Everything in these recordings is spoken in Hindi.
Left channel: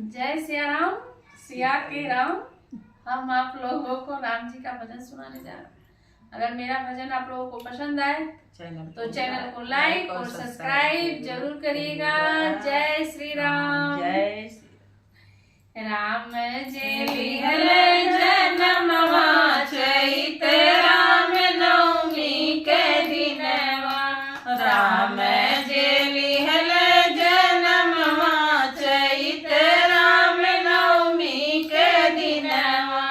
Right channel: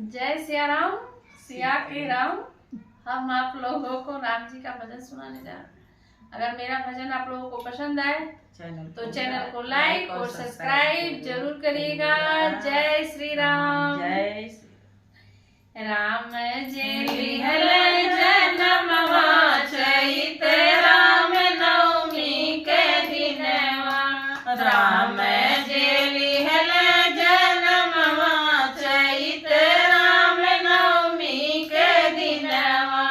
जय सिया राम, सिया के राम। हम आप लोगों को राम जी का भजन सुनाने जा रहे हैं। अगर मेरा भजन आप लोगों को पसंद आए तो चैनल को लाइक और सब्सक्राइब जरूर करिएगा। जय श्री राम। जय राम जय हरे जन्मवा चैत राम नवमी के दिनवा। राम जय हरे जन्मवा चैत राम नवमी के दिनवा।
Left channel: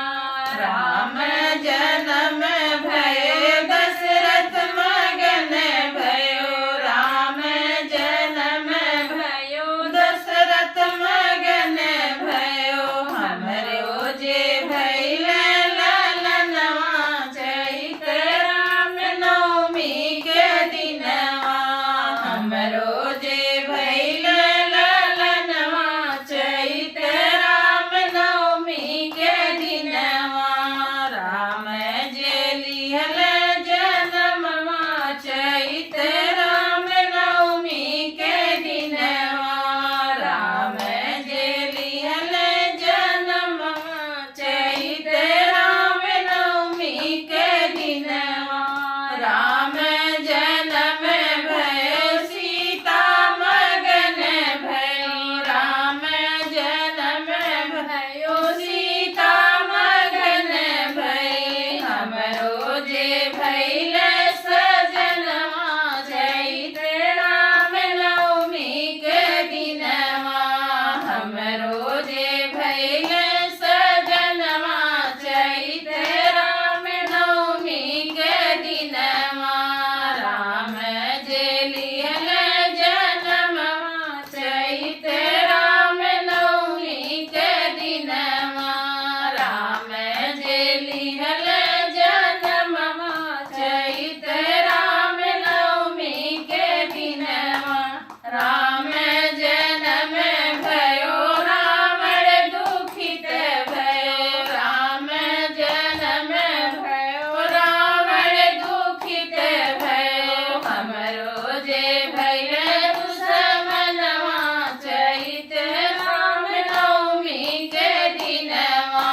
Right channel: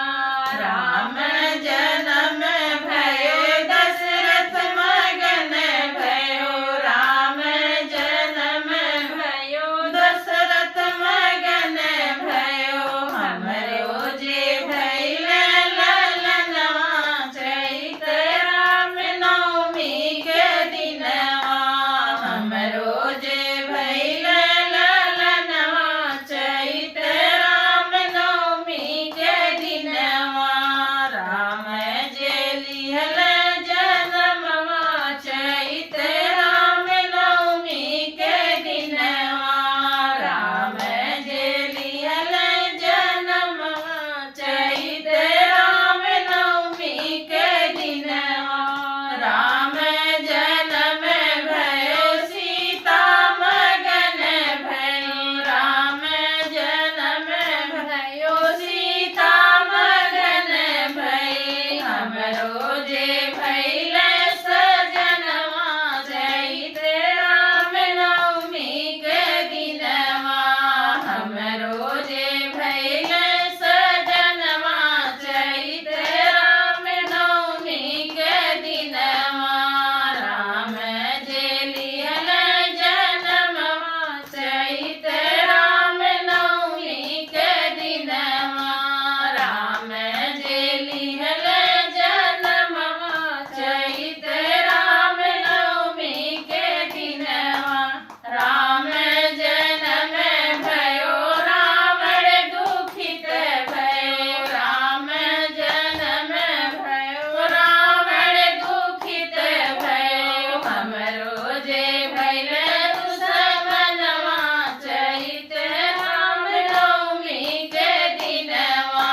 राम जन्म भयो दशरथ मगन भयो। राम जन्म भयो दशरथ मगन भयो। हमरो जे भैले ललनवा चैत राम नवमी के दिनवा। हमरो जे भैले ललनवा चैत राम नवमी के दिनवा। राम जे लिहले जन्मवा चैत राम नवमी के दिनवा। राम जे लिहले जन्मवा चैत राम नवमी के दिनवा। राम जन्म भयो सीता मगन भयो। राम जन्म भयो सीता मगन भई। हमरो जे भैले सजनवा चैत राम नवमी के दिनवा। हमरो जे भैले सजनवा चैत राम नवमी के दिनवा। राम जे लिहले जन्मवा चैत राम नवमी के दिनवा। राम जे लिहले जन्मवा चैत राम नवमी के दिनवा। राम जन्म भयो रावण दुखित भयो। राम जन्म भयो रावण दुखित भयो। हमरो जे भैले दुश्मनवा चैत राम नवमी के दिनवा।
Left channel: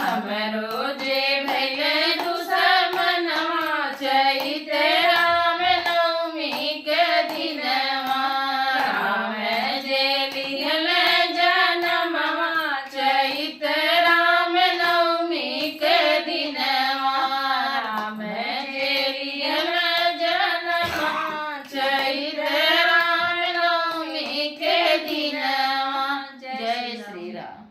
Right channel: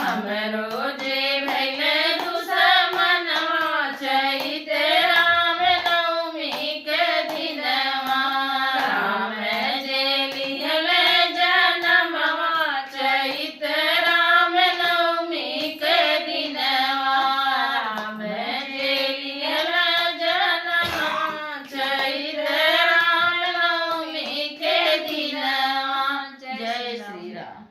हमरो जे भैले दुश्मनवा चैत राम नवमी के दिनवा। राम जे लिहले जन्मवा चैत राम नवमी के दिनवा। राम जे लिहले जन्मवा चैत राम नवमी के दिनवा। जय श्री राम।